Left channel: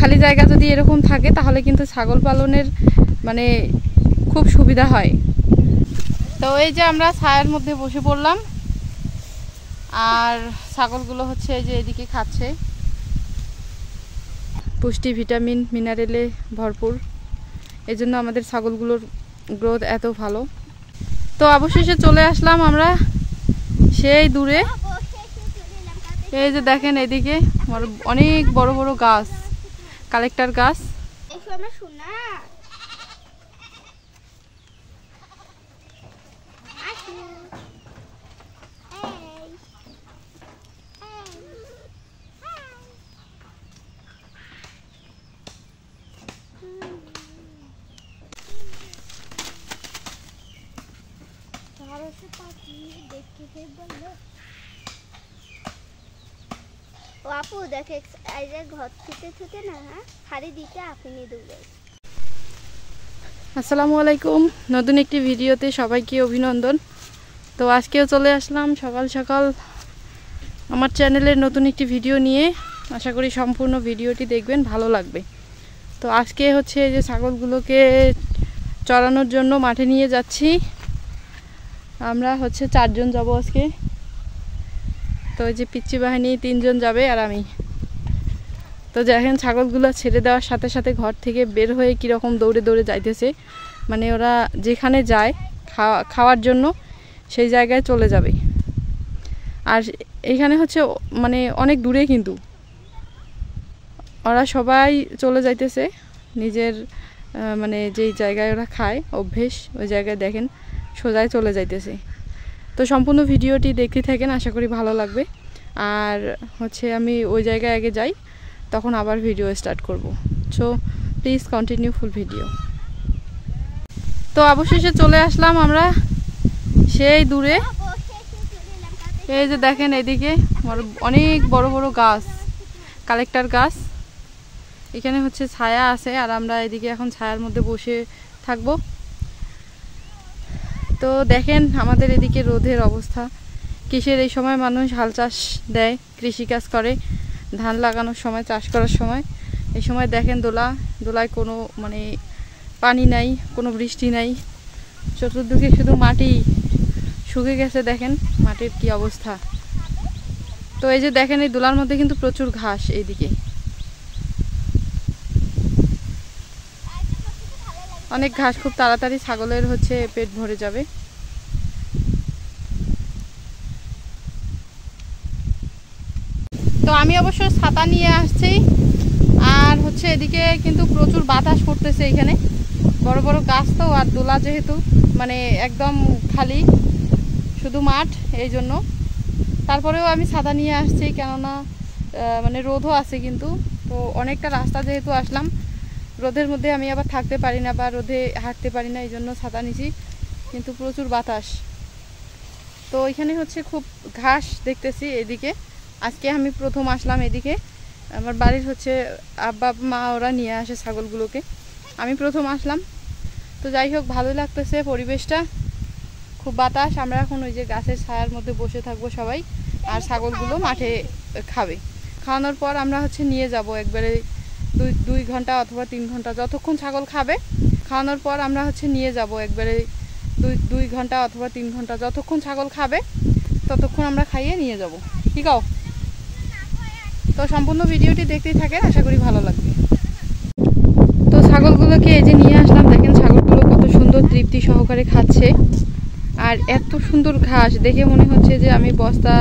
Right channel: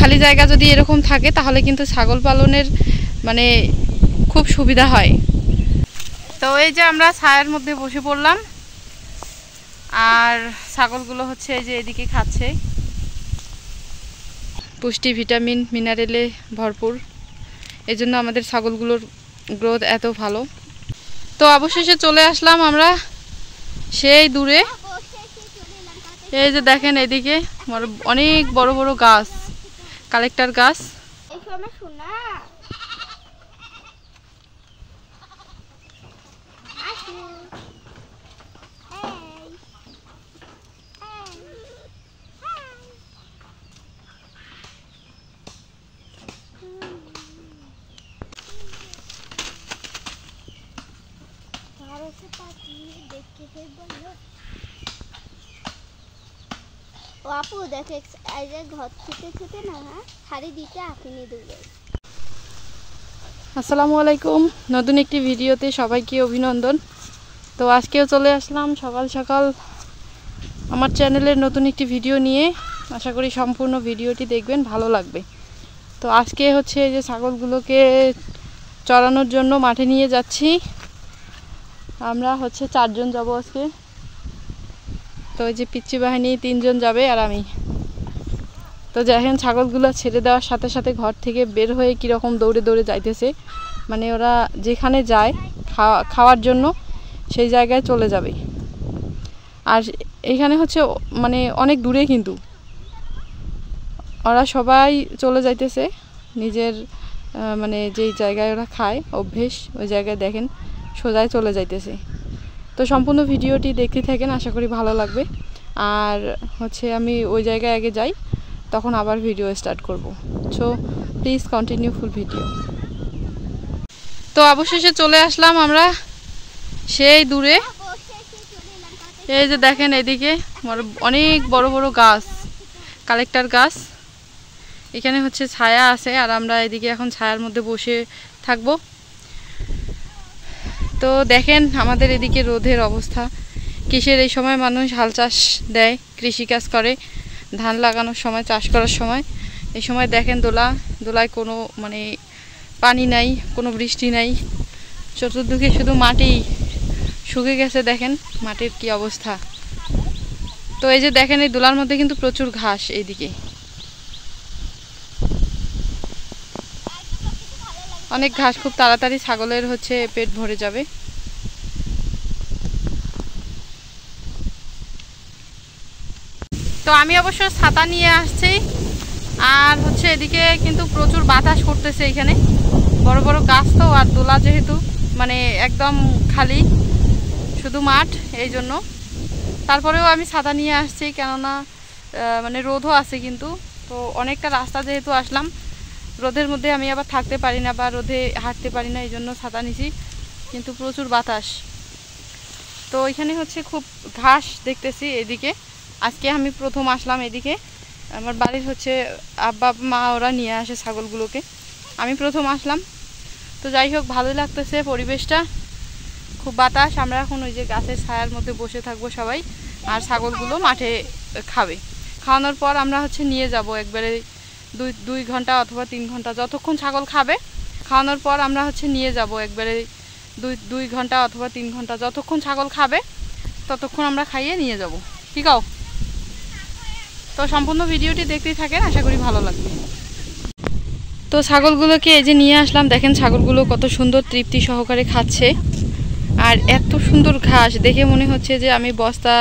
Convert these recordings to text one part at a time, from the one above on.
খালি জায়গা যদি এরকম থাকে তাহলে কিন্তু ছাগল পালনের মানে খুব সুবিধা হয়। তো এই যে আমরা ছায়ার মধ্যে বসে পড়লাম, আর ছাগলগুলো হচ্ছে এই যে এদিকে খাচ্ছে, পুষ্টি ভিটামিন মিনারেলে ভরপুর, এই জন্য আমাদের ছাগলগুলোর গ্রোথ এত ভালো। তো অবশেষে চলে আসলাম আমরা সেই দূরে। এই যে দেখেন এদিকে অনেক বড় বড় গাছ, কালেক্টর গাছ। আপু দেখে এই যে ঘর থেকে ছুটে না হাড়ি দিতে আপনি দেবে। আসসালামু আলাইকুম, নতুন একটি ভিডিওতে সবাইকে অভিনন্দন। তো আজকেও চলে আসলাম সকাল সকাল আমার চ্যানেলের নতুন একটি ভিডিও নিয়ে। আশা করি সম্পূর্ণ ভিডিওটি দেখবেন, ভালো লাগবে। তো আজকে হচ্ছে এই যে ছাগলগুলোকে চড়ানোর জন্য মাঠে নিয়ে যাচ্ছি। আমরা হচ্ছে 4 জন যাব আজকে। তো এই যে পিচ্চি বাহিনী 3 জন যাবে আর আমি। তো দেখেন ছাগলগুলো ছেড়ে দেওয়ার সাথে সাথে ঘর থেকে বের হয়ে কীরকম দৌড়ে দৌড়ে যাইতেছে, মানে ওরা যেখানে যায় খাওয়ার জন্য সেই জায়গায় চলে যাবে। আর এইখানে হচ্ছে মানে অনেক দূরে, কিন্তু ওরা সবাই চলে যাইতেছে নিজের মানে যেই জায়গায় ওরা খায় অভ্যেস, ওই জায়গায় দেখেন সোজায় চলে যাইতেছে। তো সম্পূর্ণ ভিডিওটি দেখতে থাকেন, আশা করি ভালো লাগবে। আর হচ্ছে আমি ওই জায়গায় আগে যাই, তখন আবার ভিডিও স্টার্ট করব। So please continue full video. তো অবশেষে চলে আসলাম আমরা সেই দূরে। এই যে দেখেন এদিকে অনেক বড় বড় গাছ, কালেক্টর গাছ। এখানে হচ্ছে ছায়া আছে, আর আমরা এদিকে এখন ছায়ার মধ্যে বসে থাকবো। তো দেখেন আমাদের এদিকে রোদের অবস্থা কিসের। এই সময় মানুষ হাল চাষ দেয়, কৃষিকাজ করে, ধান লাগানোর সময়, চাষ করার সময়। এই সময় দেখেন দোলায় কোনো মানে পানি নাই, কোনো বৃষ্টি নাই, চতুর্দিকে শুধু মাটি শুকিয়ে গেছে। দেখেন মাটির কি অবস্থা। তো এই যে দেখেন এই দোলার মধ্যে কিন্তু প্রচুর ঘাস। এইদিকে অনেক ঘাস, খুব তাড়াতাড়ি ছাগলের হচ্ছে পেট ভরে যাবে। তো আমি অবশ্য ছাতা নিয়ে আসছি, আর হচ্ছে এদিকে কিন্তু প্রচুর বাতাস করতেছে। এখানে বড় বড় গাছ তো, আর দোলা যেহেতু মানে একদম খালি শুধু মাঠ, এই জন্য। তারপরেও আমি ছাতা নিয়ে আসছি, কেননা মানে রোদও আছে কিন্তু। তো অনেকটা রাস্তা যেহেতু আসলাম, রোদের মধ্যে আমি আবার থাকতে পারি না বা রোদে হাঁটতে পারি না, এই জন্য ছাতা নিছি। কিন্তু প্রচুর বাতাস। তো এখানে হচ্ছে খুব ঘাস দেখতেছি এদিকে। আজকে আমি প্রথম আসলাম এদিকে। আমার বাড়ির হচ্ছে আব্বা মা ওরা নিয়ে আসে ছাগলগুলোকে, আমি প্রথম আসলাম। তো যাই হোক, ভালোই লাগতেছে পরিবেশটা, খুব বাতাস। আমরা এখন ওই যে গাছের ছায়ার মধ্যে বসে থাকবো সবাই, আর ছাগলগুলো মাঠে খাবে। খাওয়ানোর পর আমরা হচ্ছে নিয়ে যাব একবারে 2 ঘন্টা অথবা 3 ঘন্টা, যতক্ষণ ছাগল খাবে। খাওয়ানোর পর আমরা হচ্ছে নিয়ে যাব একবারে 2 ঘন্টা অথবা 3 ঘন্টা, যতক্ষণ ছাগল খাবে ততক্ষণ আমরা খাইয়ে নিয়ে যাব। ঠিক আছে? তো সম্পূর্ণ ভিডিওটি দেখতেই থাকেন, আশা করি ভালো লাগবে। তো ছাগলগুলোকে এই যে নিয়ে আসলাম, দেখেন ছাগলগুলো কত সুন্দর তৃপ্তি সহকারে খাচ্ছে। আর এত সুন্দর ঘাস দেখে মনে হচ্ছে যে আমি বস্তা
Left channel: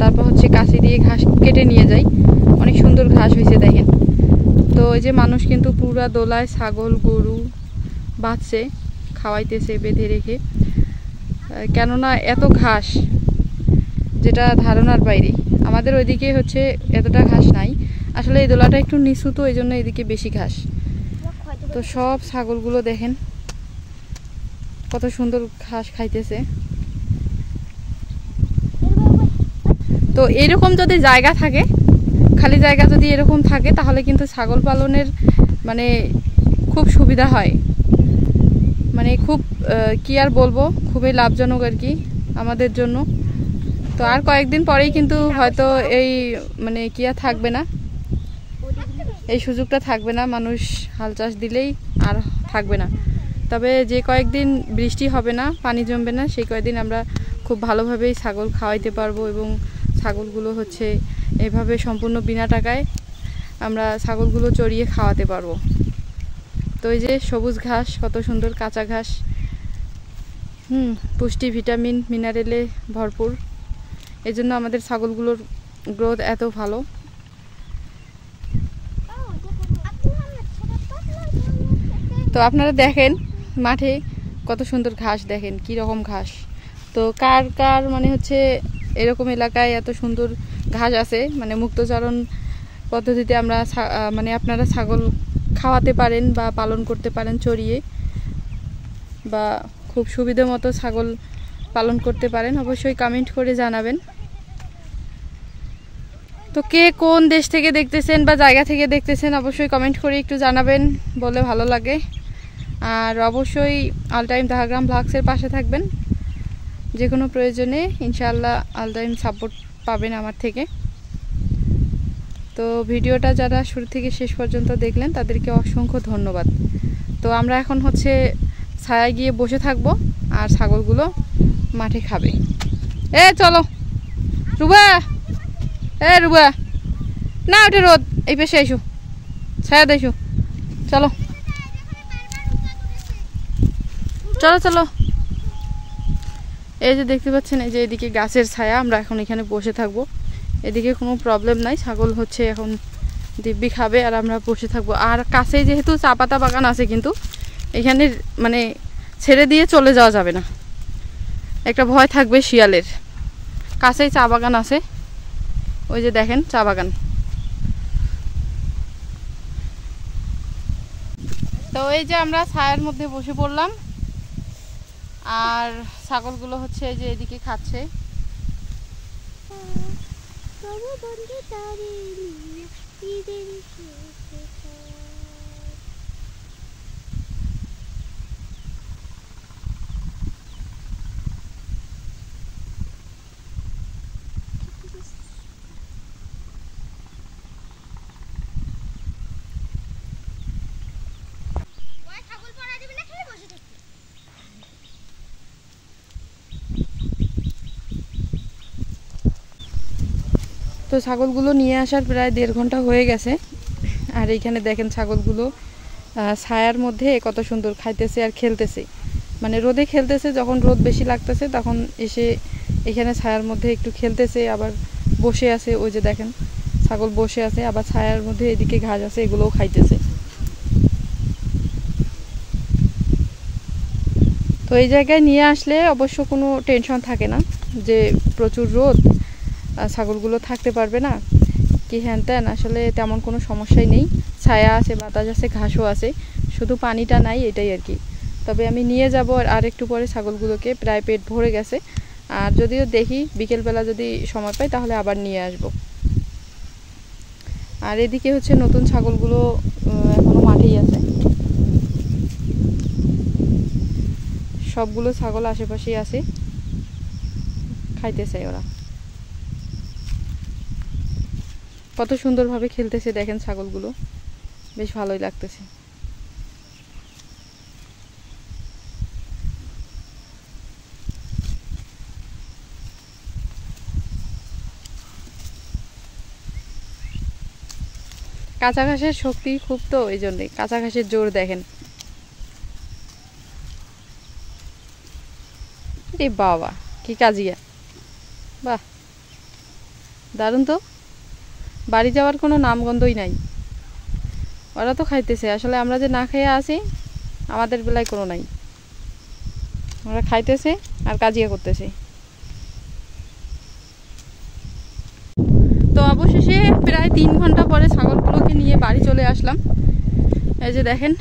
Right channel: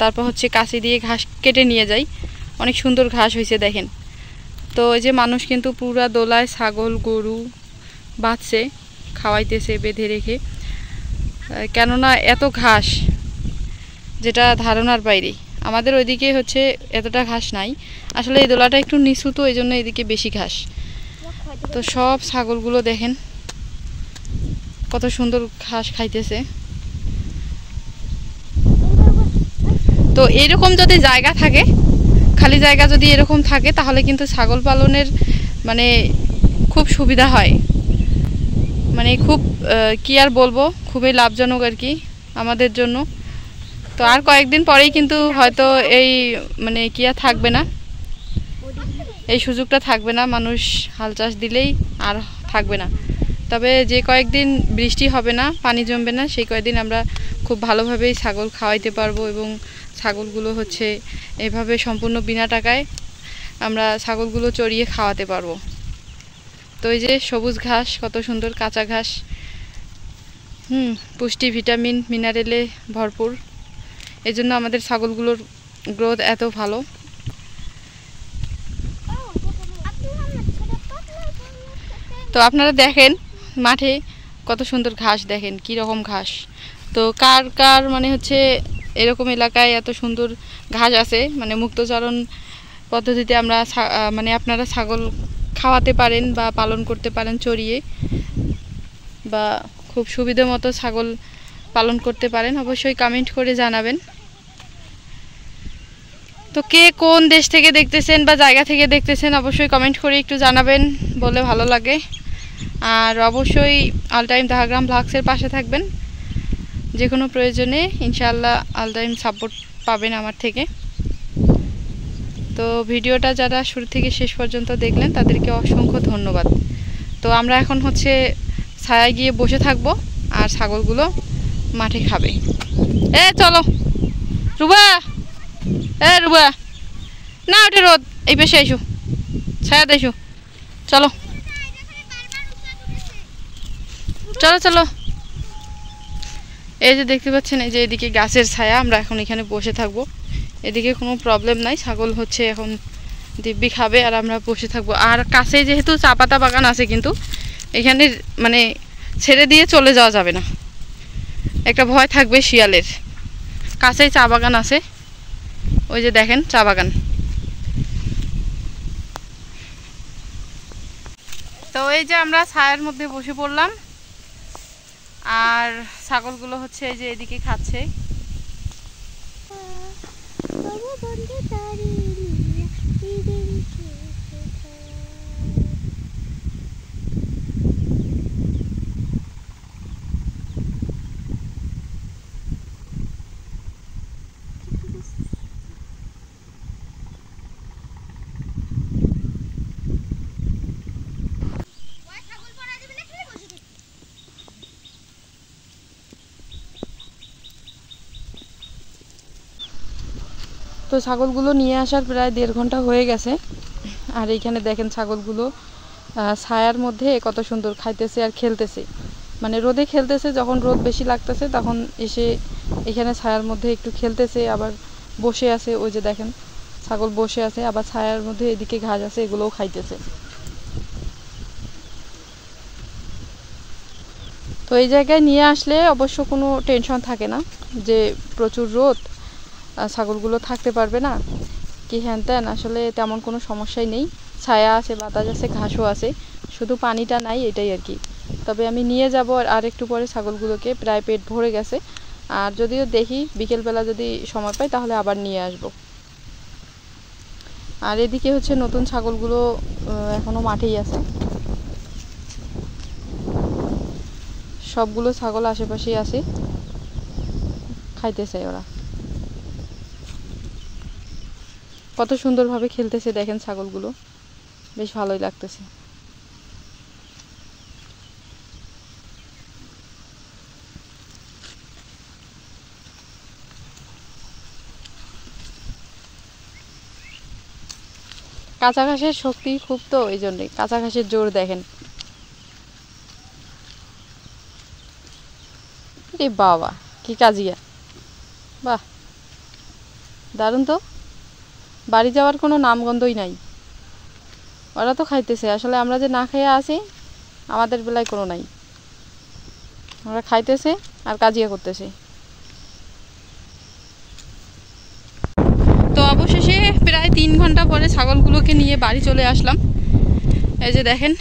তারপর হচ্ছে কাঁচি দিয়ে ঘাস কেটে নিয়ে যাই। অনেক সুন্দর ঘাস হয়েছে দেখেন। তো এই যে মানুষ কিন্তু পুরা দোলায় ছাগল গরু বাঁধছে, খাওয়াইতেছে বেঁধে রেখে, কেননা এত ঘাস যেটা ধারণার বাইরে। আমাদের ওইদিকে হচ্ছে এতটা ঘাস নাই, আসলে এই দোলাটা একটু নিচু, তো এই জন্য এদিকে বেশি ঘাস। তো সব ছাগলগুলো দেখেন কত সুন্দর ঘাস খাইতেছে। তো এরকম যদি জায়গা থাকে, খালি জায়গা যদি এরকম থাকে, তাহলে কিন্তু ছাগল পালনের মানে খুব সুবিধা হয়। মানে খুব কি আর বলবো, খুবই লাভজনক আর কি আমাদের জন্য। তো আর কয়েকদিন পরেই কিন্তু হয়তো এই মানে কি আর থাকবে না, এই সুযোগটা থাকবে না, মানুষ হাল চাষ দিলেই আর থাকবে না। তবে যে কয়েকদিন বৃষ্টি হবে না, পানি জমবে না, সেই কয়েকদিন আমরা খুব ভালোভাবেই ছাগল খাওয়াইতে পারবো এবং ছাগলগুলো হচ্ছে এভাবে সম্পূর্ণ বিনা টাকায় আমরা ছাগলগুলো চড়িয়ে খাওয়াতে পারবো। তো এই যে সবুজ ঘাস, কত সুন্দর কাঁচা ঘাস, পুষ্টি, ভিটামিন, মিনারেলে ভরপুর। এই জন্য আমাদের ছাগলগুলোর গ্রোথ এত ভালো। তো আপনারা দেখেন মাঠে কত সুন্দর ঘাস, দেখেন কি রকম ঘাস। তো কার কার মানে হচ্ছে এরকম এলাকায় এত সুন্দর ঘাস আছে, মানে মুক্তচারণ পদ্ধতিতে আমরা মানে আপনারা ছাগল খাওয়াতে পারেন বা পালন করতে পারেন চড়িয়ে, বা খুব সুবিধা মতো ছাগল পালন করতে পারেন, অবশ্যই কমেন্ট করে জানাবেন। তো কে কোন দেশ থেকে দেখতেছেন বা জায়গা থেকে দেখতেছেন অবশ্যই কমেন্ট করে একটু জানাবেন, বলে ভালো লাগে। আর অবশ্যই অল টাইম দাহাগ্রাম ব্লগসের পাশে থাকবেন, যে কোনো প্রয়োজনে ইনশাআল্লাহ অল টাইম সাপোর্ট পাবেন আমার থেকে। তো ভিডিওটা যারা শুরু থেকে শেষ পর্যন্ত দেখলেন তাদেরকে অসংখ্য ধন্যবাদ। তো আমরা এখন হচ্ছে ছায়ায় গিয়ে বসে থাকবো আর ছাগলগুলো মাঠে খাবে। চলো রুবা, রুবা না ওঠে রোদ, এই পেশে এসো, ছায়া দেশো, চলো চলো চলো। এই যে দেখতে পাচ্ছেন, এই যে এদিকে গাছের ছায়া, আমরা এখন এখানে বসে থাকবো। এদিকে কোনো প্রবলেম নাই, ছাগল হচ্ছে এখন দিব্যি খাবে আর আমরা বসে থাকবো। আর কাছেই যেহেতু চা পাতা বাগান আছে, কিন্তু এখানে মানে ছেড়ে দিয়ে চলে যাওয়া যাবে না, একটা ভয় থাকবে শিয়ালের। কাছেই চা বাগান আছে, ওই যে দেখেন চা বাগান। তো এই যে আমরা ছায়ার মধ্যে বসে পড়লাম আর ছাগলগুলো হচ্ছে এই যে এদিকে খাচ্ছে। তো ছাগলগুলো নিয়ে আসার প্রায় 1.5 ঘন্টা হয়ে গেছে। আর এইখানে দেখেন ছাগলগুলো ছায়ার মধ্যে কত সুন্দর খাইতেছে আর খেলতেছে, মানে রোদে খেলতেছে, যখন রোদ বেশি লাগতেছে তখন এসে এখানে ছায়ার মধ্যে একটু খেলতেছে, আবার বসে আছে। ওই যে দেখেন ছাগল বসে আছে, আবার ছায়ার মধ্যে এদিকে ঘাস আছে, এগুলোও খাইতেছে। তো এই জায়গায় নিয়ে আসলে অবশ্য কোনো টেনশন থাকে না যে প্রচুর রোদ, ছাগলগুলো থাকতে পারবে না কি হ্যান ত্যান, আসলে তেমন কোনো সমস্যাই নেই। ছায়া আছে, বাতাস আছে, ঘাসও আছে, শুধু পানিটা নাই, এটাই আর কি। তবে আমি নিয়ে যাব আর একটু পরে ছাগলগুলোকে, প্রায় পেট ভরে গেছে। আর যদিও দেখি বিকেলবেলা যদি সময় পাই তাহলে আবার নিয়ে আসব। আর এদিকে হচ্ছে নতুন ছাগলগুলো এখনো মাঠেই আছে, সবগুলো ছাগল আশেপাশেই আছে, খাইতেছে ওরা। কত সুন্দরভাবে খেলতেছে দেখেন ছাগলগুলো, বেশ ভালোই লাগতেছে। কাঁচা ঘাসের শক্তি খুব, তো এই জন্যে কাঁচা ঘাসের জোর দেখেন। এ বাবা কি কাজিয়া, বাহ দারুণ তো, বাড়ি যাওয়ার কোনো নামগন্ধই নাই। ওরা তো খাইতেছে, আসলে আমরা যে না খেয়ে আসি আমাদের বেলায় কোনো নাই, ওরা খাইতেছে আর কাজিয়া করতেছে। তো অবশেষে প্রায় 3 ঘন্টা পরে ছাগলগুলোকে নিয়ে বাড়ি চলে আসলাম। এই যে দেখেন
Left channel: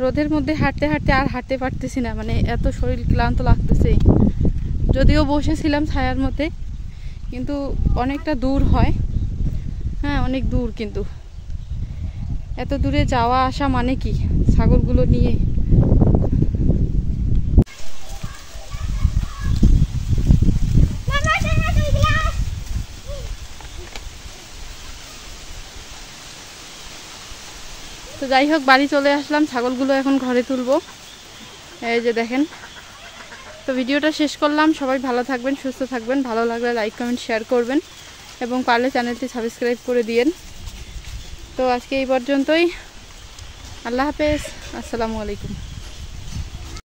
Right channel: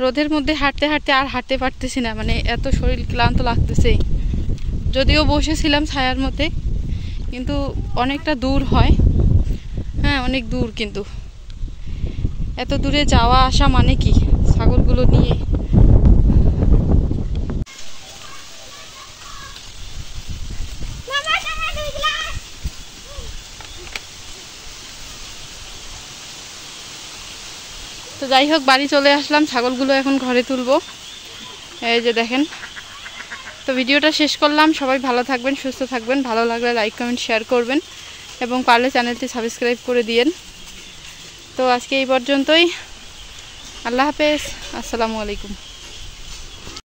রোদের মধ্যে হাঁটতে হাঁটতে আর হাঁটতে পারতেছি না, মানে এত শরীর ক্লান্ত লাগতেছে। যদিও বসেছিলাম ছায়ার মধ্যে, কিন্তু অনেকটা দূর হয়, হ্যাঁ অনেক দূর, কিন্তু এত দূরে যাওয়া আসা মানে কি ছাগলগুলো নিয়ে। তো যাই হোক বাড়ি চলে আসলাম, ছাগলগুলো এখন ঘরে তুলবো। এই যে দেখেন। তো ভিডিওটা শেষ করলাম। সবাই ভালো থাকবেন, সুস্থ থাকবেন। ভালো লাগলে লাইক কমেন্ট শেয়ার করবেন এবং পারলে চ্যানেলটি সাবস্ক্রাইব করে দিয়েন। তো আজকে এই পর্যন্তই। আল্লাহ হাফেজ, আসসালামু আলাইকুম।